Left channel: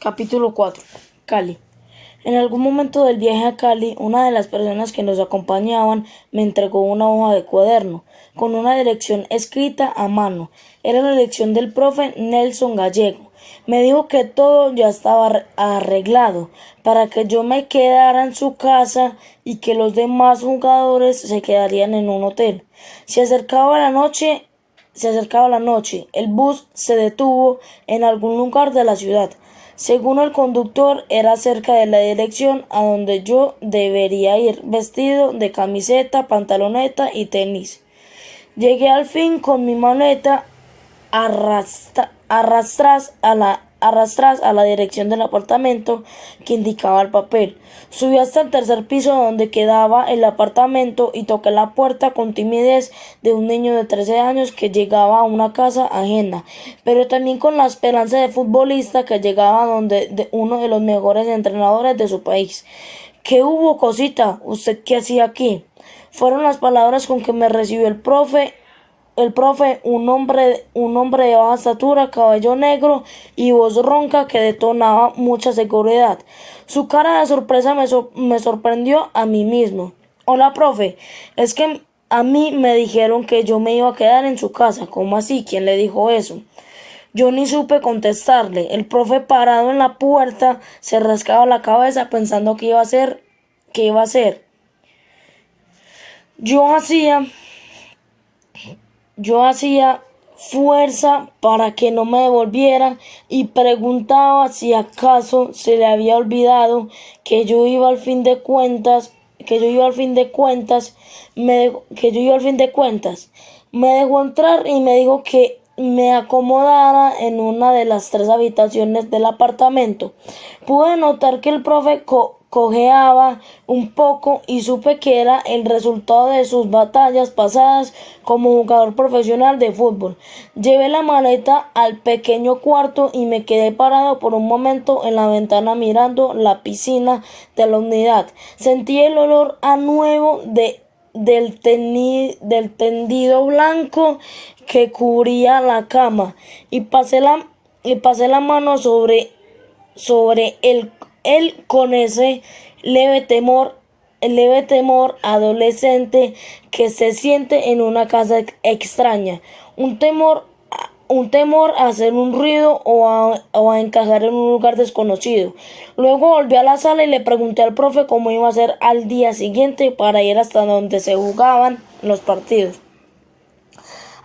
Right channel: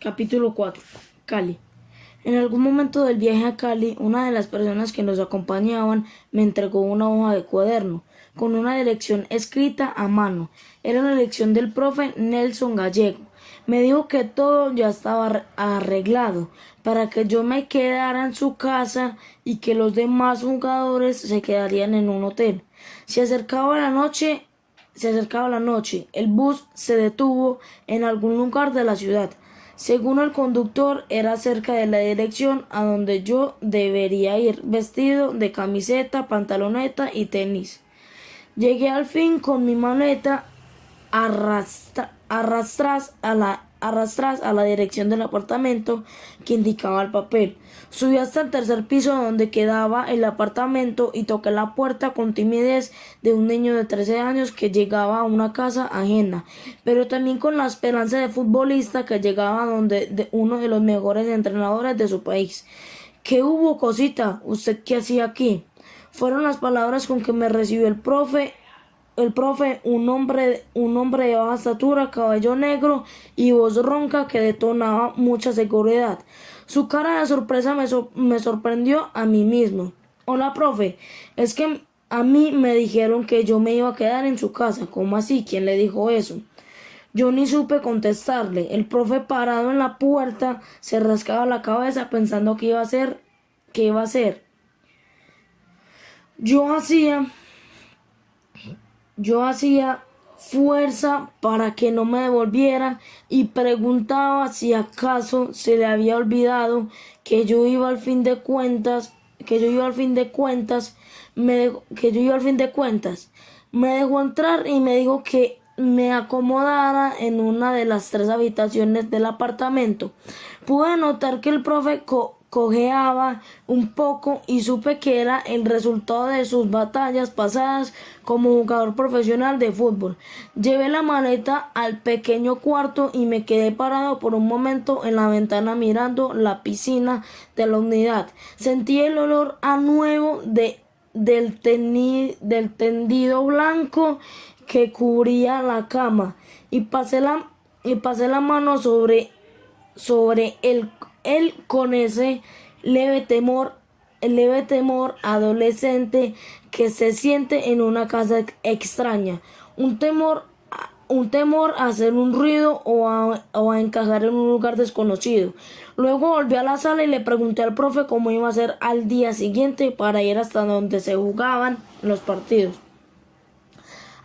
Capítulo 4. Cali. En algún momento del viaje a Cali, una de las personas que nos acompañaban me entregó una hoja de cuaderno con una dirección escrita a mano. Era la dirección del profe Nelson Gallego. Me dijo que todo ya estaba arreglado para que yo me quedara en su casa y que los demás jugadores se quedarían en un hotel. Se acercaba la noche, el bus se detuvo en algún lugar de la ciudad. Según el conductor, era cerca de la dirección a donde yo debería ir, vestido de camiseta, pantaloneta y tenis. Llegué al fin con mi maleta arrastras a la dirección del apartamento que indicaba el papel. Subí hasta el tercer piso donde quedaba el apartamento y toqué la puerta con timidez de un niño de 13 años que llegaba a una casa ajena, pero también con la esperanza de futbolista que llegaba de uno de los mejores entrenadores de su país. ¿Qué hubo, cosita? ¿Usted qué hacía aquí? Fueron las palabras con que me recibió el profe, un hombre de baja estatura, cabello negro y voz ronca que detonaba mucha seguridad. Su cara de sorpresa me sorprendió a mí mismo. Hola, profe, es que a mí me dijeron que yo me iba a quedar en su casa. ¿Cómo así? ¿Quién le dijo eso? Yo ni supe contestarle. El profe, parado en la puerta, se rascaba la cabeza pensando qué iba a hacer. Yo hacía fuerza para que no me devolviera y preguntaba si acaso se le había olvidado que yo iba al fin de cuentas. Me dejó entrar y me dijo que me acomodara en una de las 3 habitaciones del apartamento. Pude notar que el profe cojeaba un poco y supe que era el resultado de sus batallas pasadas como jugador profesional de fútbol. Llevé la maleta al pequeño cuarto y me quedé parado por un momento en la ventana mirando la piscina de la unidad. Sentí el olor a nuevo del tendido blanco que cubría la cama y pasé la mano sobre él con ese leve temor adolescente que se siente en una casa extraña, un temor a hacer un ruido o a encajar en un lugar desconocido. Luego volví a la sala y le pregunté al profe cómo iba a ser al día siguiente para ir hasta donde se jugaban los partidos.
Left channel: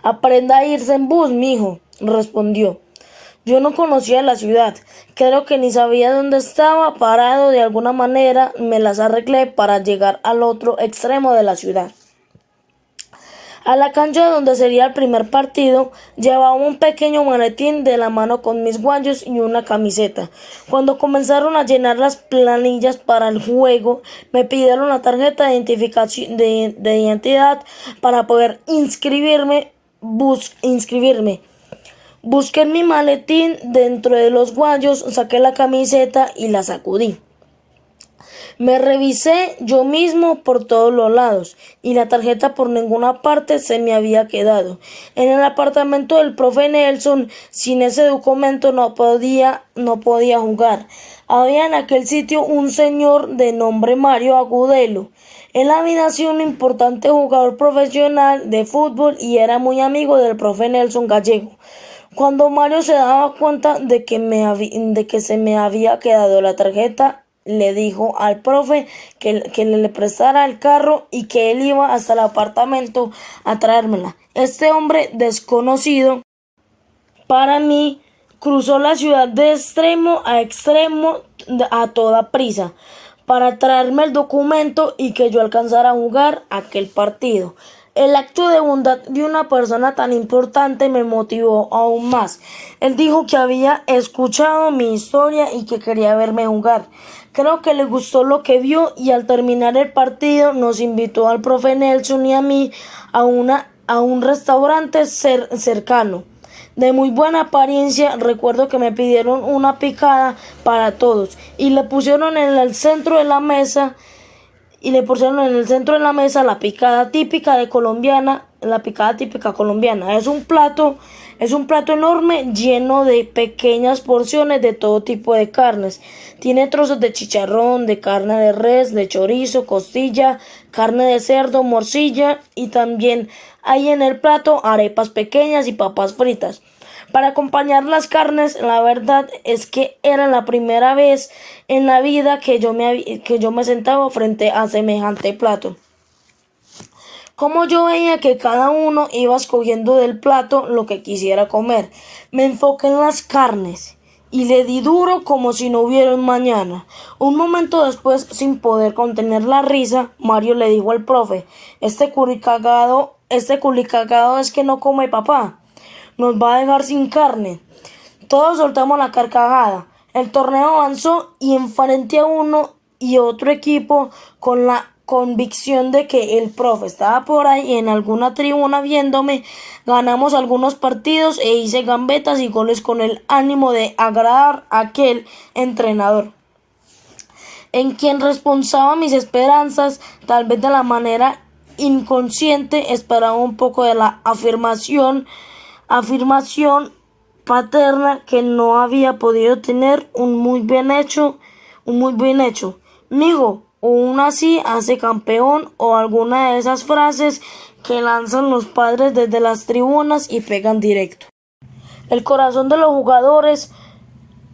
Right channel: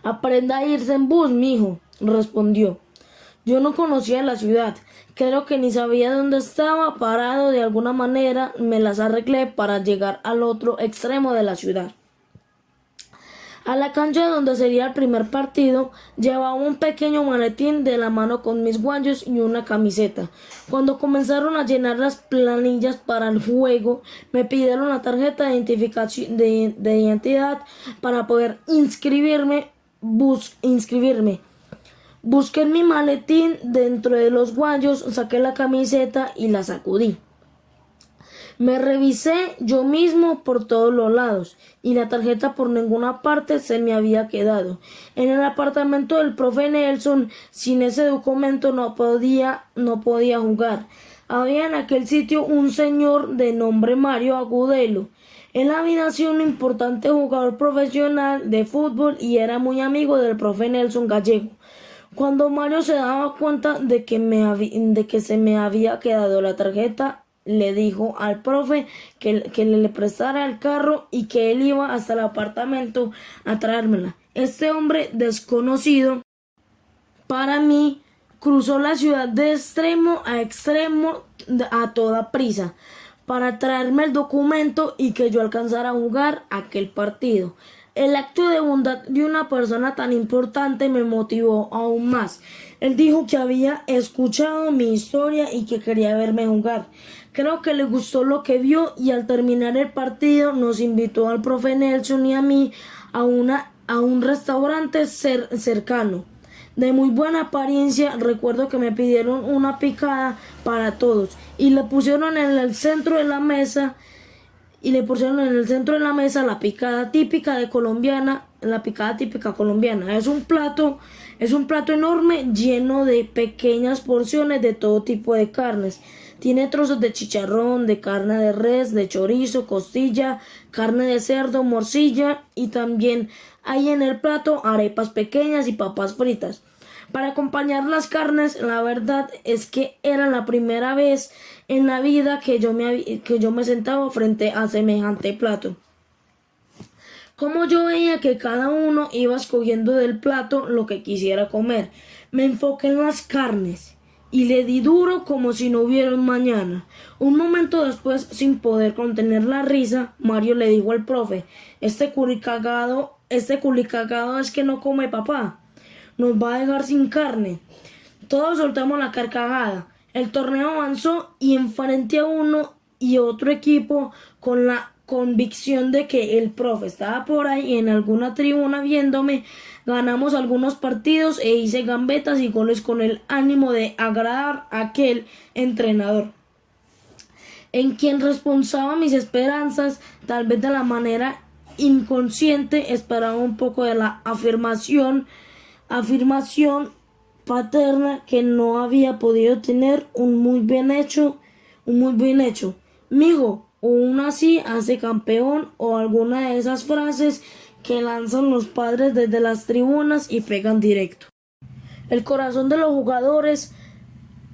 Aprenda a irse en bus, mijo, respondió. Yo no conocía la ciudad, creo que ni sabía dónde estaba parado. De alguna manera me las arreglé para llegar al otro extremo de la ciudad. A la cancha donde sería el primer partido, llevaba un pequeño maletín de la mano con mis guayos y una camiseta. Cuando comenzaron a llenar las planillas para el juego, me pidieron la tarjeta de identificación de identidad para poder inscribirme. Busqué en mi maletín dentro de los guayos, saqué la camiseta y la sacudí. Me revisé yo mismo por todos los lados y la tarjeta por ninguna parte se me había quedado. En el apartamento del profe Nelson, sin ese documento no podía jugar. Había en aquel sitio un señor de nombre Mario Agudelo. Él había sido un importante jugador profesional de fútbol y era muy amigo del profe Nelson Gallego. Cuando Mario se daba cuenta de que se me había quedado la tarjeta, le dijo al profe que le prestara el carro y que él iba hasta el apartamento a traérmela. Este hombre desconocido para mí cruzó la ciudad de extremo a extremo a toda prisa para traerme el documento y que yo alcanzara a jugar aquel partido. El acto de bondad de una persona tan importante me motivó aún más. Él dijo que había escuchado mi historia y que quería verme jugar. Creo que le gustó lo que vio y al terminar el partido nos invitó al profe Nelson y a mí a un restaurante cercano. De muy buena apariencia, recuerdo que me pidieron una picada para todos y le pusieron en el centro de la mesa la picada típica colombiana. Es un plato Es un plato enorme lleno de pequeñas porciones de todo tipo de carnes. Tiene trozos de chicharrón, de carne de res, de chorizo, costilla, carne de cerdo, morcilla y también hay en el plato arepas pequeñas y papas fritas. Para acompañar las carnes, la verdad es que era la primera vez en la vida que yo me sentaba frente a semejante plato. Como yo veía que cada uno iba escogiendo del plato lo que quisiera comer, me enfoqué en las carnes y le di duro como si no hubiera un mañana. Un momento después, sin poder contener la risa, Mario le dijo al profe: este culicagado es que no come papá. Nos va a dejar sin carne. Todos soltamos la carcajada. El torneo avanzó y enfrenté a uno y otro equipo con la convicción de que el profe estaba por ahí en alguna tribuna viéndome. Ganamos algunos partidos e hice gambetas y goles con el ánimo de agradar a aquel entrenador, en quien responsaba mis esperanzas. Tal vez de la manera inconsciente esperaba un poco de la afirmación paterna que no había podido tener un muy bien hecho. Mijo, o un así hace campeón, o alguna de esas frases que lanzan los padres desde las tribunas y pegan directo el corazón de los jugadores.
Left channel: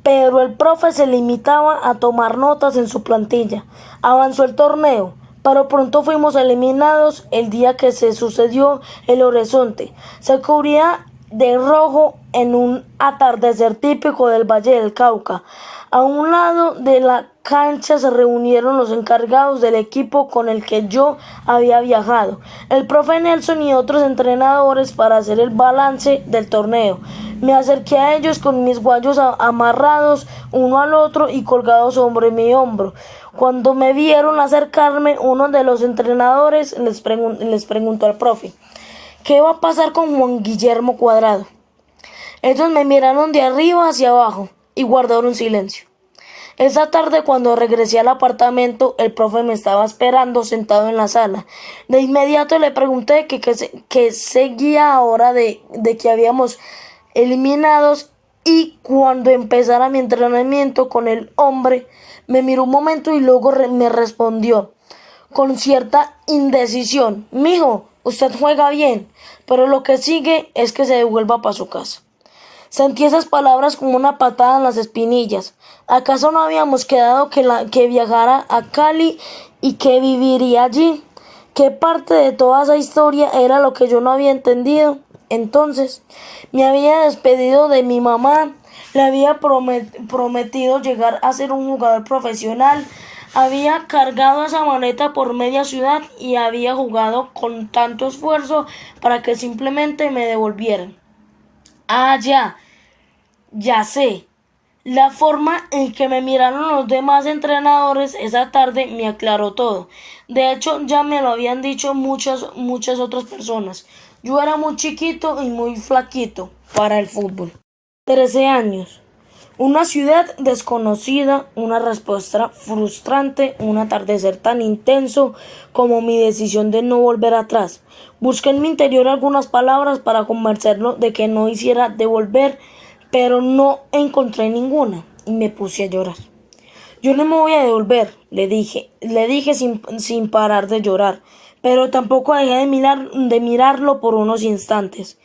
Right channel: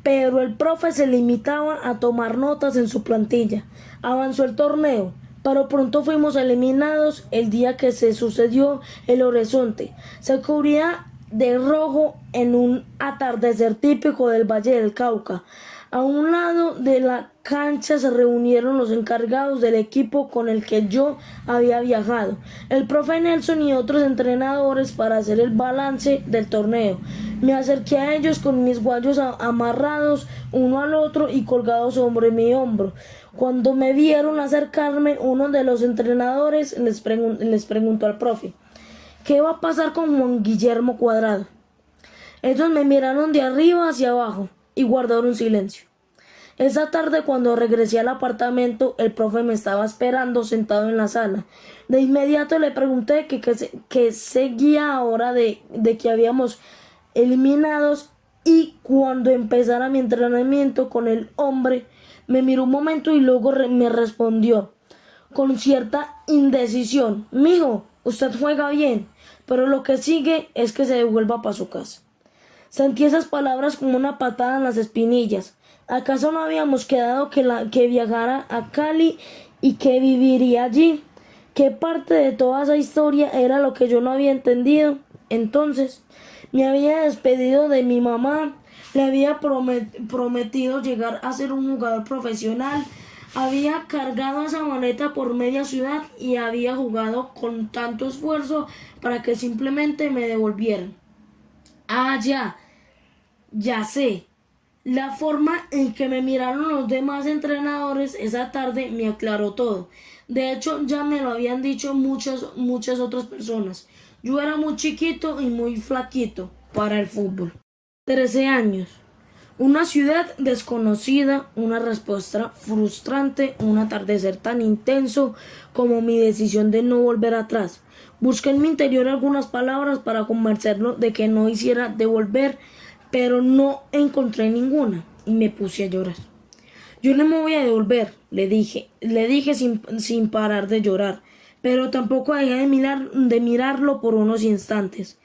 Pero el profe se limitaba a tomar notas en su plantilla. Avanzó el torneo, pero pronto fuimos eliminados. El día que se sucedió, el horizonte se cubría de rojo en un atardecer típico del Valle del Cauca. A un lado de la cancha se reunieron los encargados del equipo con el que yo había viajado, el profe Nelson y otros entrenadores, para hacer el balance del torneo. Me acerqué a ellos con mis guayos amarrados uno al otro y colgados sobre mi hombro. Cuando me vieron acercarme, uno de los entrenadores les preguntó al profe: ¿qué va a pasar con Juan Guillermo Cuadrado? Ellos me miraron de arriba hacia abajo y guardaron silencio. Esa tarde, cuando regresé al apartamento, el profe me estaba esperando sentado en la sala. De inmediato le pregunté que seguía ahora de que habíamos eliminados, y cuando empezara mi entrenamiento con el hombre, me miró un momento y luego me respondió con cierta indecisión: mijo, usted juega bien, pero lo que sigue es que se devuelva para su casa. Sentí esas palabras como una patada en las espinillas. ¿Acaso no habíamos quedado que viajara a Cali y que viviría allí? ¿Qué parte de toda esa historia era lo que yo no había entendido? Entonces, me había despedido de mi mamá, le había prometido llegar a ser un jugador profesional, había cargado esa maleta por media ciudad y había jugado con tanto esfuerzo para que simplemente me devolvieran. Ah, ya sé. La forma en que me miraron los demás entrenadores esa tarde me aclaró todo. De hecho, ya me lo habían dicho muchas otras personas. Yo era muy chiquito y muy flaquito para el fútbol. 13 años. Una ciudad desconocida, una respuesta frustrante, un atardecer tan intenso como mi decisión de no volver atrás. Busqué en mi interior algunas palabras para convencerlo de que no hiciera devolver, pero no encontré ninguna y me puse a llorar. Yo no me voy a devolver, le dije sin parar de llorar, pero tampoco dejé de mirarlo por unos instantes.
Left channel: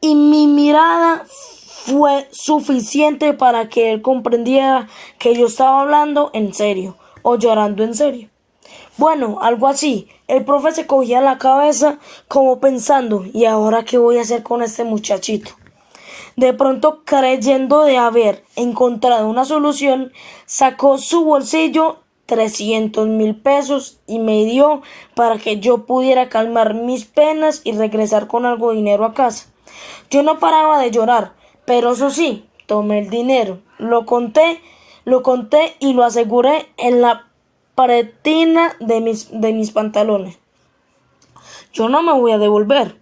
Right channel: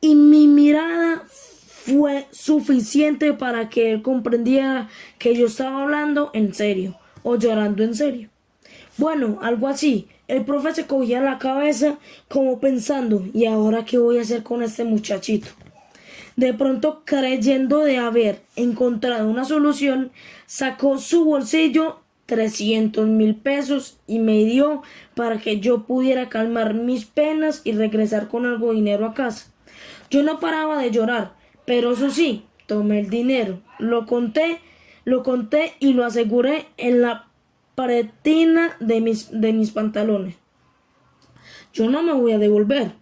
Y mi mirada fue suficiente para que él comprendiera que yo estaba hablando en serio o llorando en serio. Bueno, algo así. El profe se cogía la cabeza como pensando: ¿y ahora qué voy a hacer con este muchachito? De pronto, creyendo de haber encontrado una solución, sacó su bolsillo 300,000 pesos y me dio para que yo pudiera calmar mis penas y regresar con algo de dinero a casa. Yo no paraba de llorar, pero eso sí, tomé el dinero, lo conté y lo aseguré en la pretina de mis pantalones. Yo no me voy a devolver,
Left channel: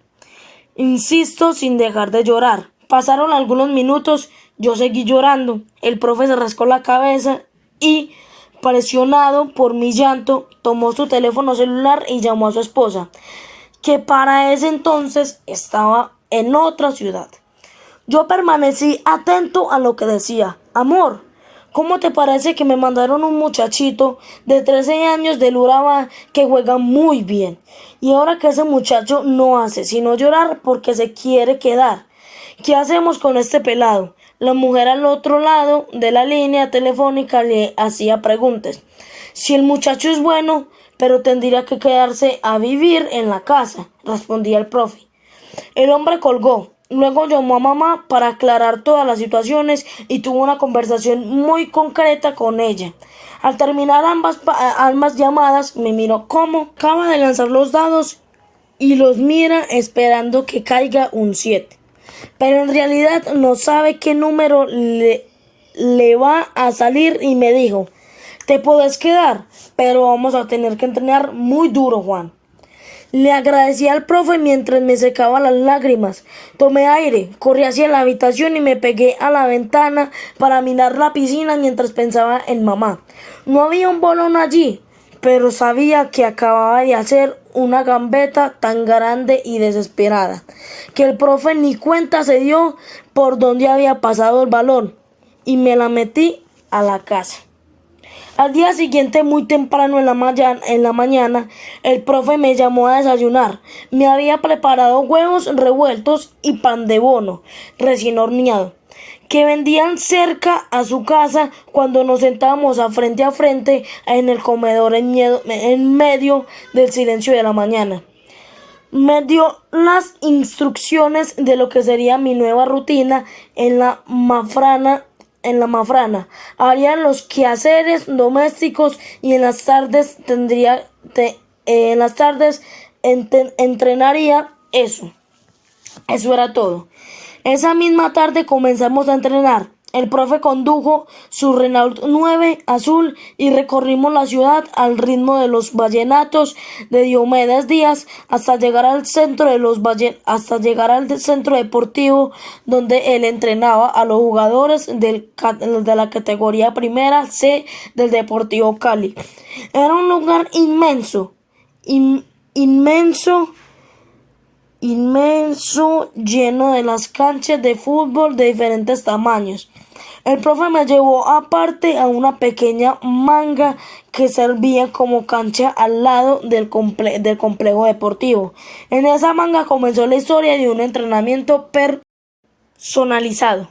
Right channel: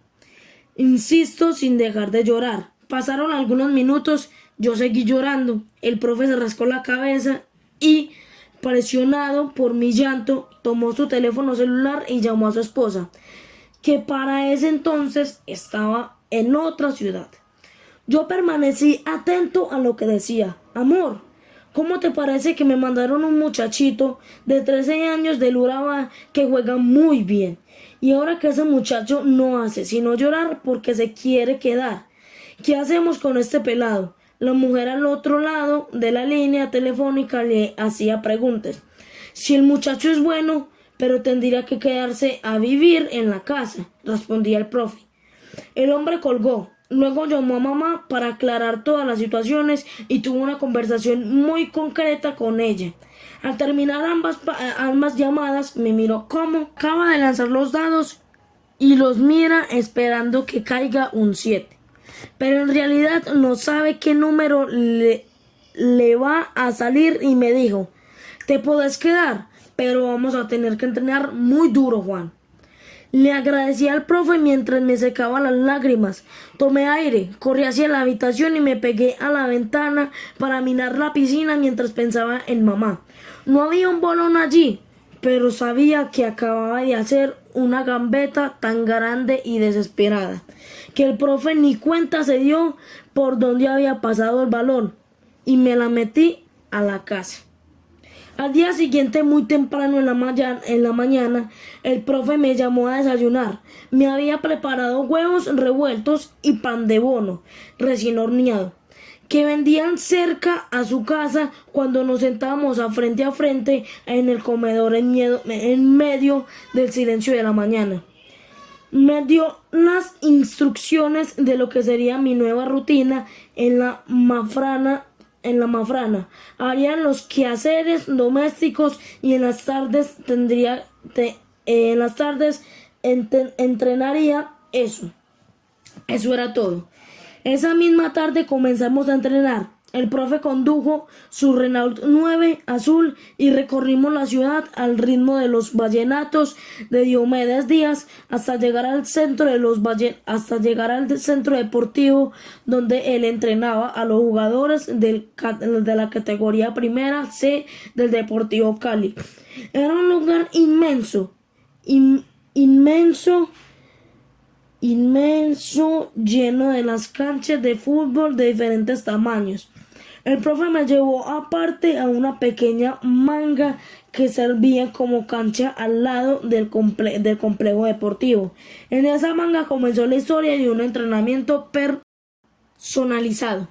insisto sin dejar de llorar. Pasaron algunos minutos, yo seguí llorando. El profe se rascó la cabeza y, presionado por mi llanto, tomó su teléfono celular y llamó a su esposa, que para ese entonces estaba en otra ciudad. Yo permanecí atento a lo que decía. Amor, ¿cómo te parece que me mandaron un muchachito de 13 años del Urabá que juega muy bien? Y ahora que ese muchacho no hace sino llorar porque se quiere quedar. ¿Qué hacemos con este pelado? La mujer al otro lado de la línea telefónica le hacía preguntas. Si el muchacho es bueno, pero tendría que quedarse a vivir en la casa, respondía el profe. El hombre colgó. Luego llamó a mamá para aclarar todas las situaciones y tuvo una conversación muy concreta con ella. Al terminar ambas llamadas, me miró como acaba de lanzar los dados y los mira esperando que caiga un 7. Pero en realidad no sabe qué número le va a salir y me dijo, te puedes quedar, pero vamos a tener que entrenar muy duro, Juan. Le agradecí al profe mientras me secaba las lágrimas. Tomé aire, corrí hacia la habitación y me pegué a la ventana para mirar la piscina mientras pensaba en mamá. No había un bolón allí, pero sabía que acababa de hacer una gambeta tan grande y desesperada, que el profe ni cuenta se dio por dónde había pasado el balón, y me la metí a la casa. Al día siguiente, muy temprano en la mañana, el profe me llamó a desayunar. Me había preparado huevos revueltos y pan de bono, recién horneado, que vendían cerca a su casa cuando nos sentábamos a frente en el comedor en medio del silencio de la mañana. Me dio las instrucciones de lo que sería mi nueva rutina en la mafrana. Haría los quehaceres domésticos y en las tardes entrenaría eso. Eso era todo. Esa misma tarde comenzamos a entrenar. El profe condujo su Renault 9 azul y recorrimos la ciudad al ritmo de los vallenatos de Diomedes Díaz hasta llegar al centro deportivo donde él entrenaba a los jugadores de la categoría primera C del Deportivo Cali. Era un lugar inmenso, lleno de las canchas de fútbol de diferentes tamaños. El profe me llevó aparte a una pequeña manga que servía como cancha al lado del complejo deportivo. En esa manga comenzó la historia de un entrenamiento personalizado,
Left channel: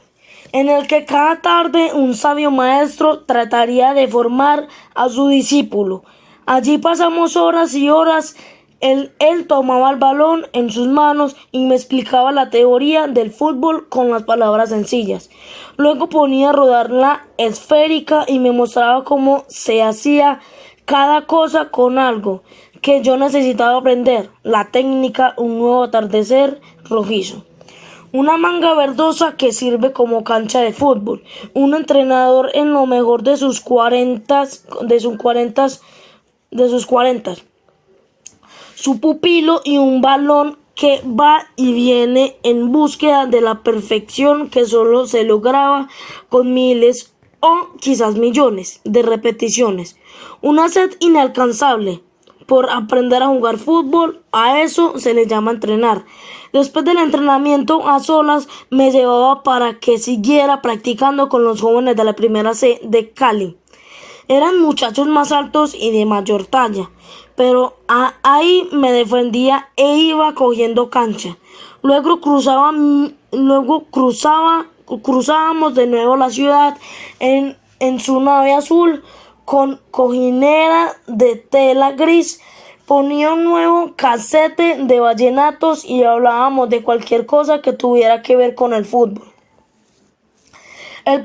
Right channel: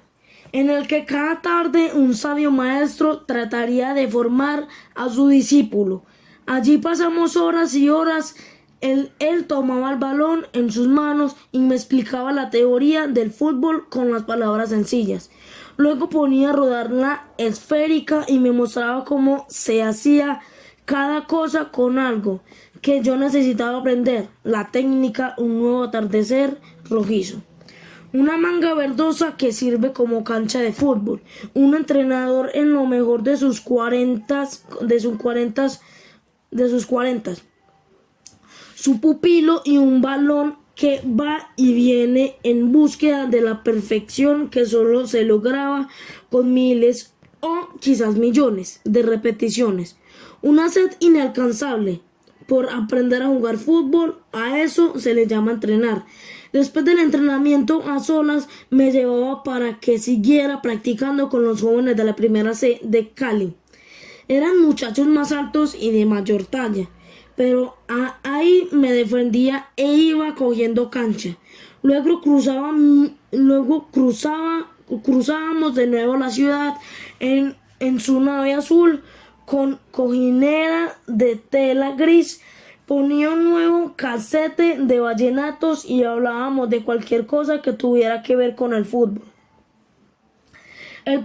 en el que cada tarde un sabio maestro trataría de formar a su discípulo. Allí pasamos horas y horas. Él tomaba el balón en sus manos y me explicaba la teoría del fútbol con las palabras sencillas. Luego ponía a rodar la esférica y me mostraba cómo se hacía cada cosa con algo que yo necesitaba aprender. La técnica, un nuevo atardecer rojizo. Una manga verdosa que sirve como cancha de fútbol. Un entrenador en lo mejor de sus cuarentas. Su pupilo y un balón que va y viene en búsqueda de la perfección que solo se lograba con miles o quizás millones de repeticiones. Una sed inalcanzable por aprender a jugar fútbol, a eso se le llama entrenar. Después del entrenamiento a solas me llevaba para que siguiera practicando con los jóvenes de la primera C de Cali. Eran muchachos más altos y de mayor talla, pero ahí me defendía e iba cogiendo cancha. Luego cruzábamos de nuevo la ciudad en su nave azul con cojinera de tela gris. Ponía un nuevo casete de vallenatos y hablábamos de cualquier cosa que tuviera que ver con el fútbol. El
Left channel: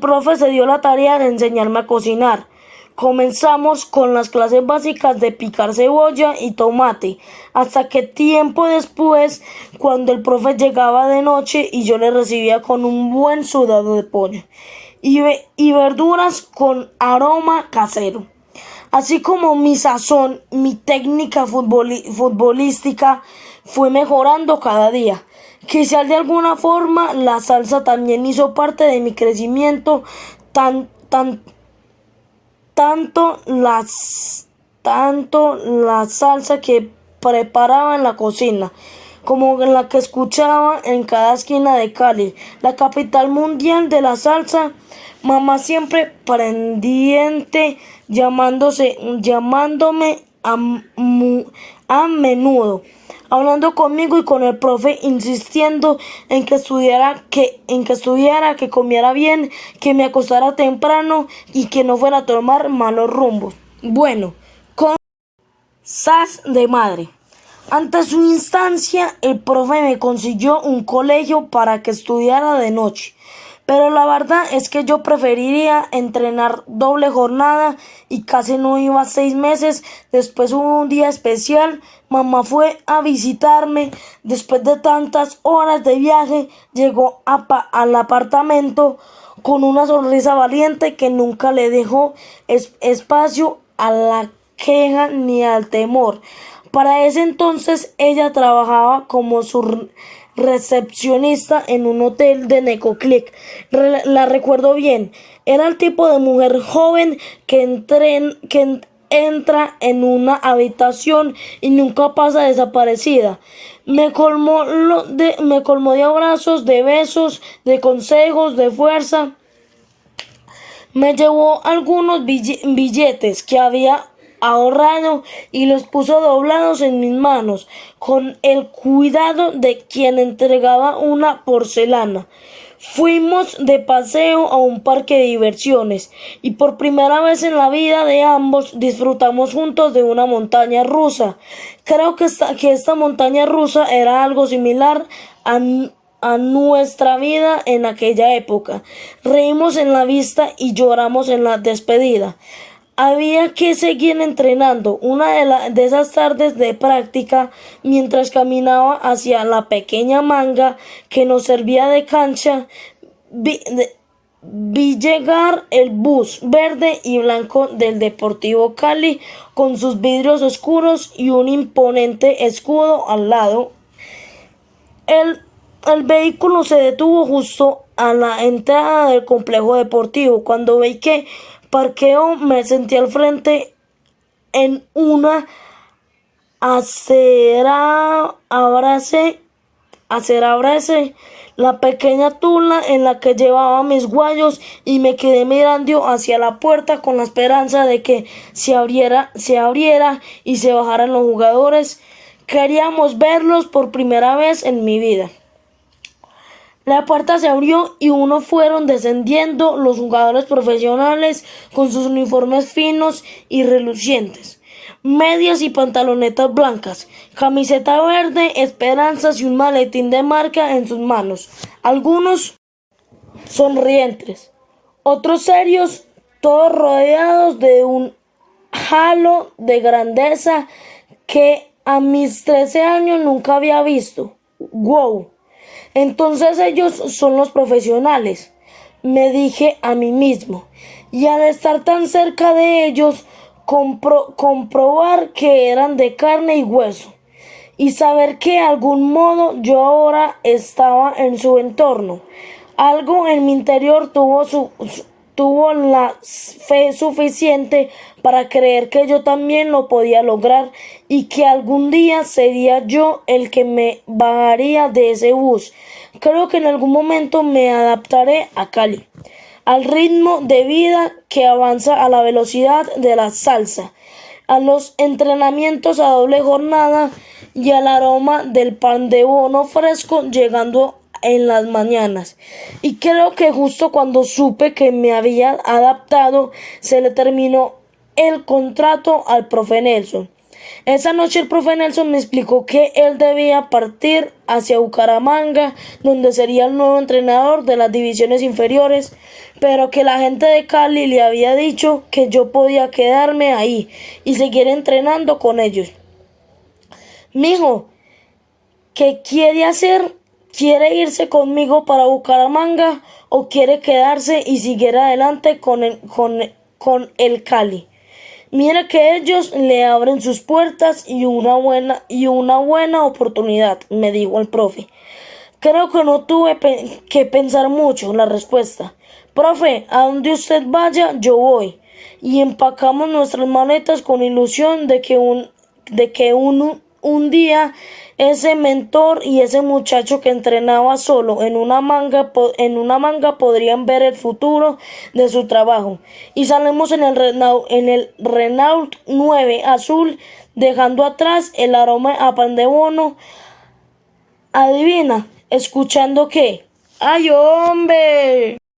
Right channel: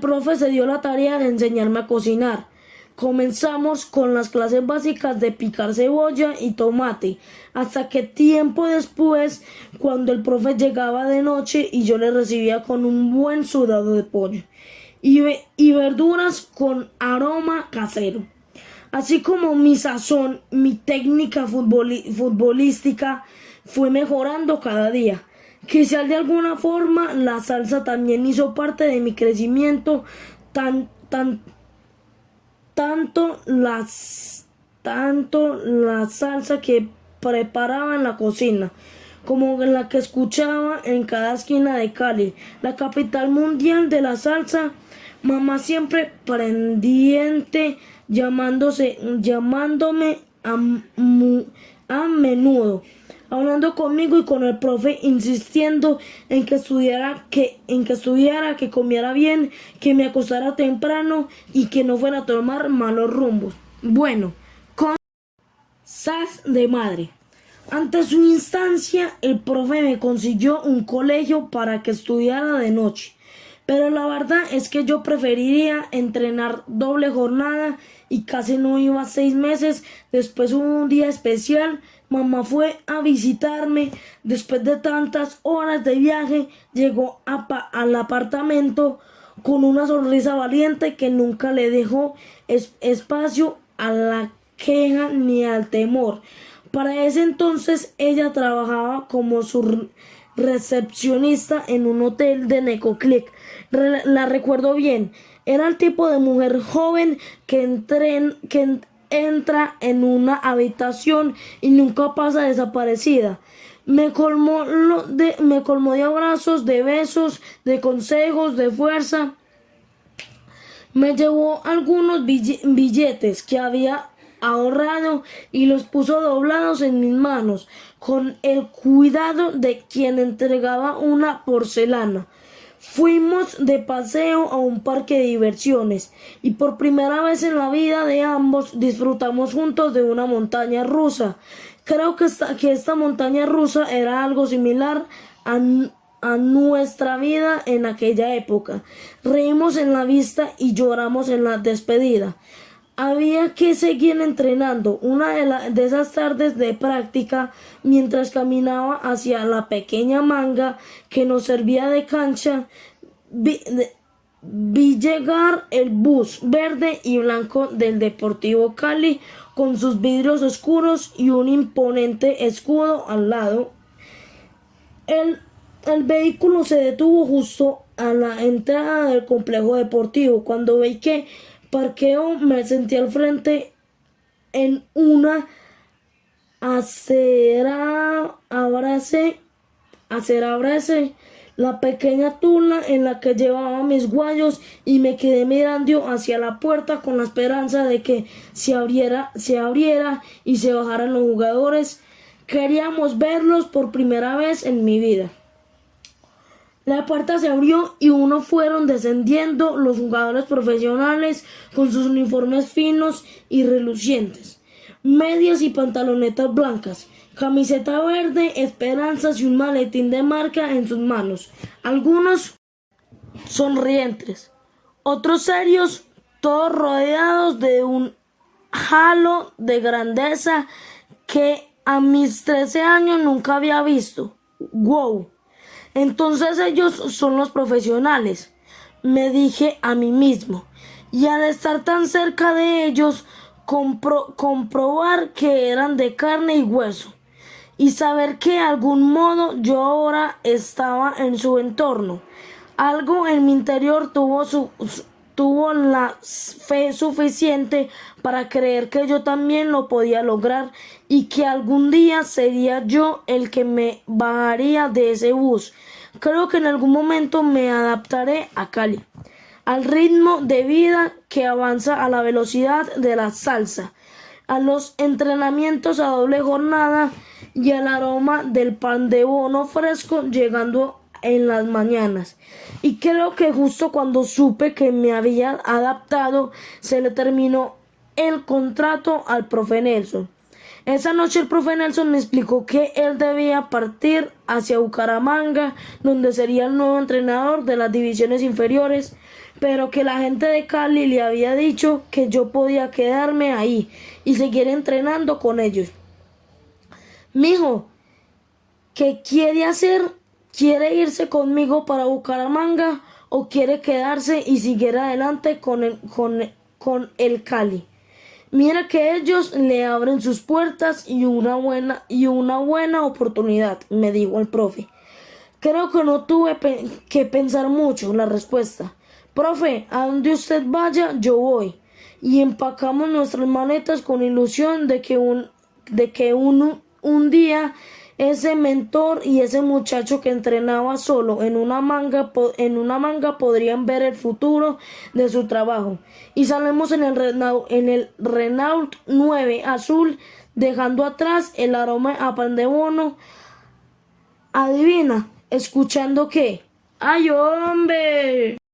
profe se dio la tarea de enseñarme a cocinar. Comenzamos con las clases básicas de picar cebolla y tomate, hasta que tiempo después, cuando el profe llegaba de noche y yo le recibía con un buen sudado de pollo y verduras con aroma casero. Así como mi sazón, mi técnica futbolística fue mejorando cada día. Quizás de alguna forma la salsa también hizo parte de mi crecimiento, tanto la salsa que preparaba en la cocina como la que escuchaba en cada esquina de Cali, la capital mundial de la salsa. Mamá siempre pendiente, llamándome a menudo, hablando conmigo y con el profe, insistiendo en que estudiara, que comiera bien, que me acostara temprano y que no fuera a tomar malos rumbos. Bueno, sas de madre. Ante su instancia, el profe me consiguió un colegio para que estudiara de noche. Pero la verdad es que yo preferiría entrenar doble jornada y casi no iba 6 meses. Después hubo un día especial. Mamá fue a visitarme. Después de tantas horas de viaje, llegó al apartamento con una sonrisa valiente que nunca le dejó espacio a la queja ni al temor. Para ese entonces ella trabajaba como su recepcionista en un hotel de Necoclí. La recuerdo bien. Era el tipo de mujer joven que entra en una habitación y nunca pasa desaparecida. Me colmó de abrazos, de besos, de consejos, de fuerza. Me llevó algunos billetes que había ahorrado y los puso doblados en mis manos, con el cuidado de quien entregaba una porcelana. Fuimos de paseo a un parque de diversiones y por primera vez en la vida de ambos disfrutamos juntos de una montaña rusa. Creo que esta montaña rusa era algo similar a nuestra vida en aquella época. Reímos en la vista y lloramos en la despedida. Había que seguir entrenando. Una de esas tardes de práctica, mientras caminaba hacia la pequeña manga que nos servía de cancha, vi llegar el bus verde y blanco del Deportivo Cali con sus vidrios oscuros y un imponente escudo al lado. El vehículo se detuvo justo a la entrada del complejo deportivo. Cuando vi que parqueo, me sentí al frente en una acera. Abracé la pequeña tula en la que llevaba mis guayos y me quedé mirando hacia la puerta con la esperanza de que se abriera y se bajaran los jugadores. Queríamos verlos por primera vez en mi vida. La puerta se abrió y fueron descendiendo los jugadores profesionales con sus uniformes finos y relucientes, medias y pantalonetas blancas, camiseta verde, esperanzas y un maletín de marca en sus manos. Algunos sonrientes, otros serios, todos rodeados de un halo de grandeza que a mis 13 años nunca había visto. ¡Wow! Entonces ellos son los profesionales, me dije a mí mismo, y al estar tan cerca de ellos, comprobar que eran de carne y hueso, y saber que de algún modo yo ahora estaba en su entorno. Algo en mi interior tuvo la fe suficiente para creer que yo también lo podía lograr y que algún día sería yo el que me bajaría de ese bus. Creo que en algún momento me adaptaré a Cali, al ritmo de vida que avanza a la velocidad de la salsa, a los entrenamientos a doble jornada y al aroma del pan de bono fresco llegando en las mañanas. Y creo que justo cuando supe que me había adaptado, se le terminó el contrato al profe Nelson. Esa noche el profe Nelson me explicó que él debía partir hacia Bucaramanga, donde sería el nuevo entrenador de las divisiones inferiores, pero que la gente de Cali le había dicho que yo podía quedarme ahí y seguir entrenando con ellos. Mijo, ¿qué quiere hacer? ¿Quiere irse conmigo para Bucaramanga o quiere quedarse y seguir adelante con el Cali? Mira que ellos le abren sus puertas y una buena oportunidad, me dijo el profe. Creo que no tuve que pensar mucho la respuesta. Profe, a donde usted vaya, yo voy. Y empacamos nuestras maletas con ilusión de que un día ese mentor y ese muchacho que entrenaba solo en una manga podrían ver el futuro de su trabajo. Y salimos en el Renault 9 azul, dejando atrás el aroma a pan de bono. Adivina, escuchando qué. ¡Ay, hombre!